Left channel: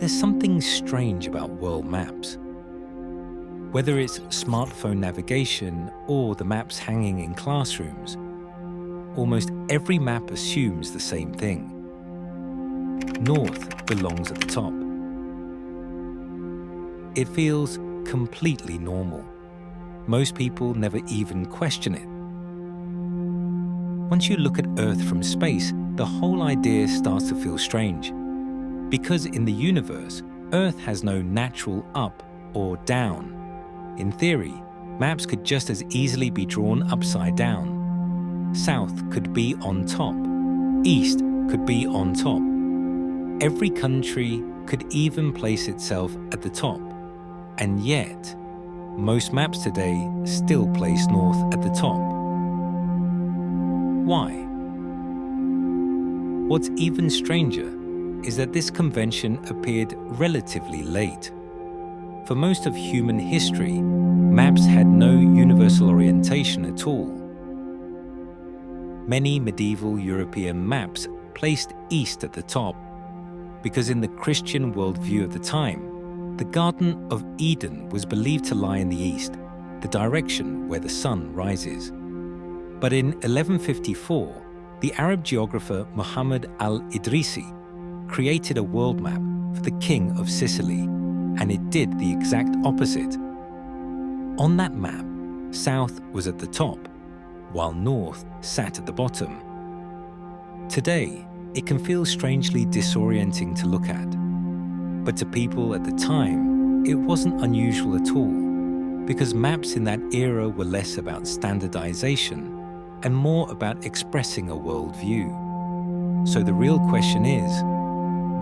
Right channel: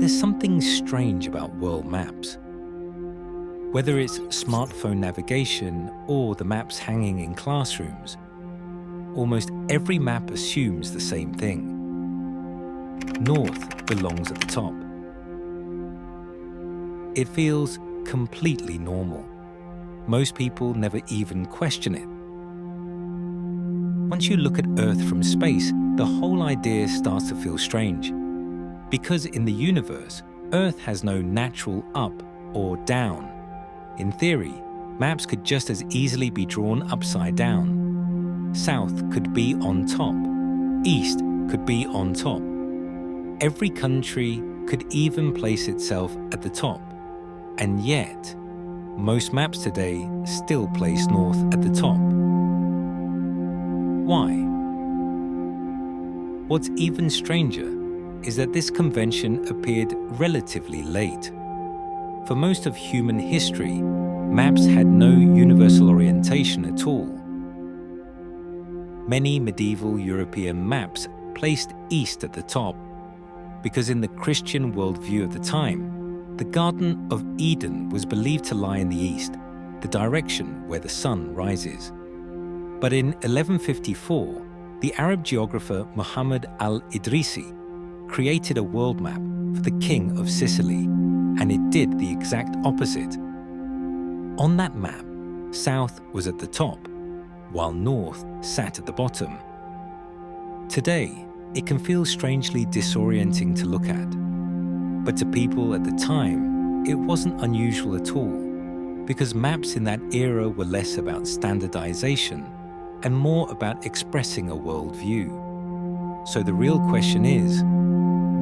There's something strange about world maps. Whether it's smartphone navigation or the maps hanging in classrooms, almost every map assumes the same thing. North belongs at the top. It feels completely normal. Most people never even question it. Once you look at Earth from space, the whole idea starts to feel strange. Because in the universe, Earth has no natural up or down. In theory, maps could just as easily be drawn upside down. South could be on top. East could be on top. Every country could even place itself at the top. And yet, most maps today still place North at the top. Why? What's even stranger is that this convention appeared relatively late. For most of human history, maps had no universal orientation at all. Many medieval European maps placed east at the top, because in the Christian worldview of the time, the Garden of Eden was believed to lie in the east, the direction where the sun rises. But in 1154, the Arab geographer Muhammad al-Idrisi created a world map for the king of Sicily, and it did the exact opposite. On that map, south was at the top, while north sat at the bottom. Today, it can feel strangely disorienting to look at. But to people at the time, it wasn't unusual at all, because maps in that era were less about standardization and more about expressing a worldview. So the real question is,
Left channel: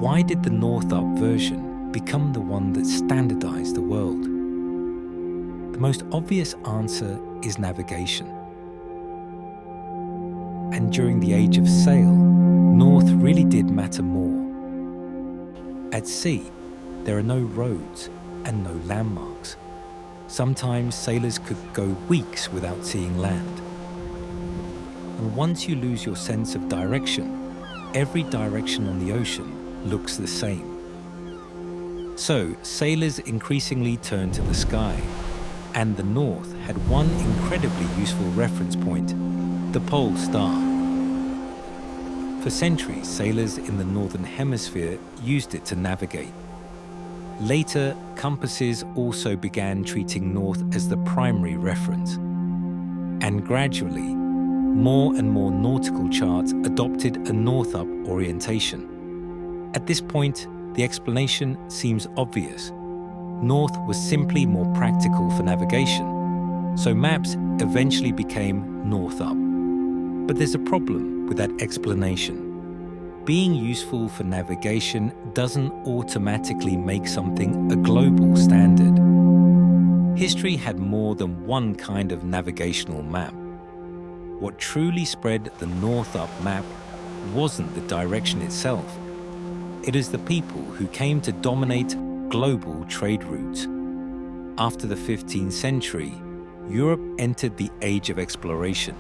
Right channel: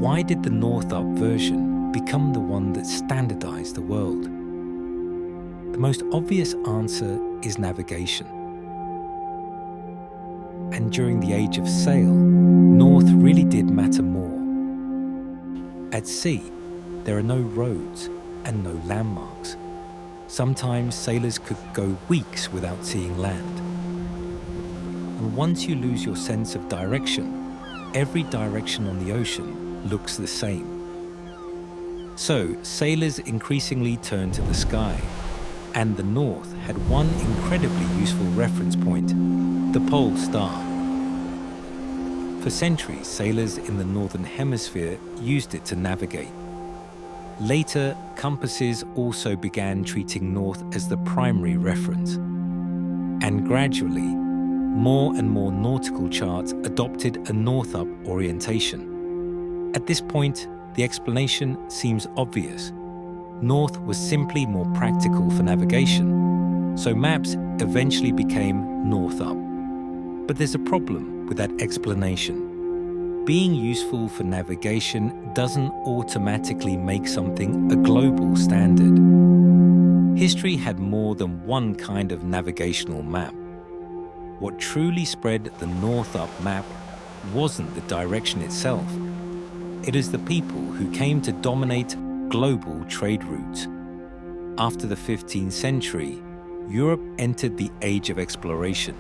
why did the North-up version become the one that standardized the world? The most obvious answer is navigation. And during the age of sail, north really did matter more. At sea, there are no roads and no landmarks. Sometimes sailors could go weeks without seeing land. And once you lose your sense of direction, every direction on the ocean looks the same. So sailors increasingly turned to the sky, and the North had one incredibly useful reference point, the pole star. For centuries, sailors in the Northern Hemisphere used it to navigate. Later, compasses also began treating north as the primary reference. And gradually, more and more nautical charts adopted a north-up orientation. At this point, the explanation seems obvious. North was simply more practical for navigation, so maps eventually became north-up. But there's a problem with that explanation. Being useful for navigation doesn't automatically make something a global standard. History had more than one kind of navigational map. What truly spread the north-up map wasn't the direction itself. It is the people who came to dominate global trade routes. After the 15th century, Europe entered the age of exploration.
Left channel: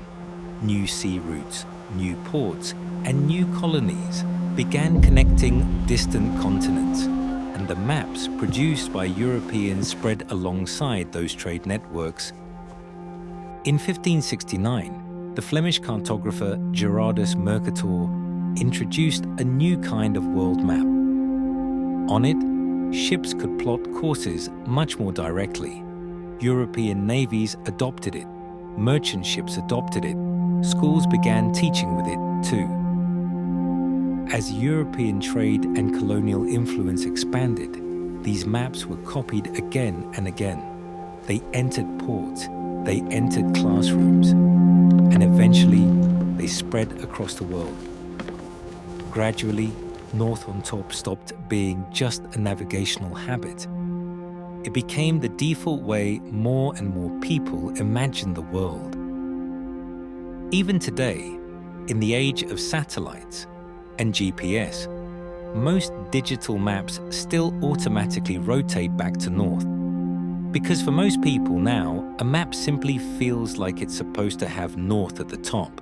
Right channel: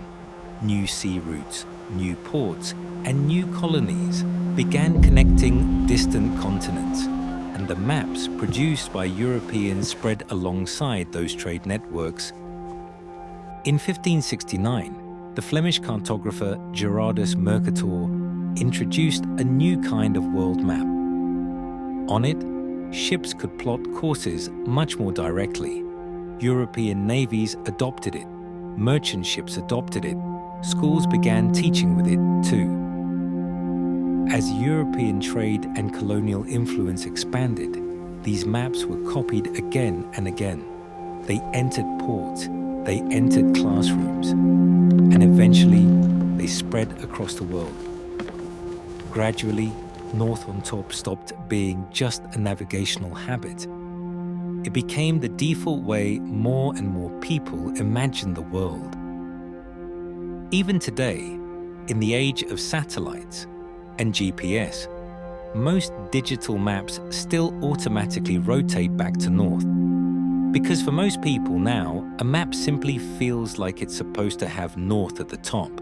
New sea routes, new ports, and new colonies began connecting distant continents, and the maps produced by Europeans spread alongside those trade networks. In 1569, the Flemish cartographer Gerardus Mercator introduced a new kind of world map. On it, ships could plot courses much more directly. European navies adopted it, merchant ships adopted it, schools began teaching with it too. As European trade and colonial influence expanded, these maps were copied again and again. They entered ports, they entered classrooms, and eventually they spread across the world. Gradually, North on top stopped being just a navigational habit. It became the default way more and more people imagine the world. Even today, in the age of satellites and GPS, most digital maps still automatically rotate back to north. Because for most people now, a map simply feels like it's supposed to have north at the top.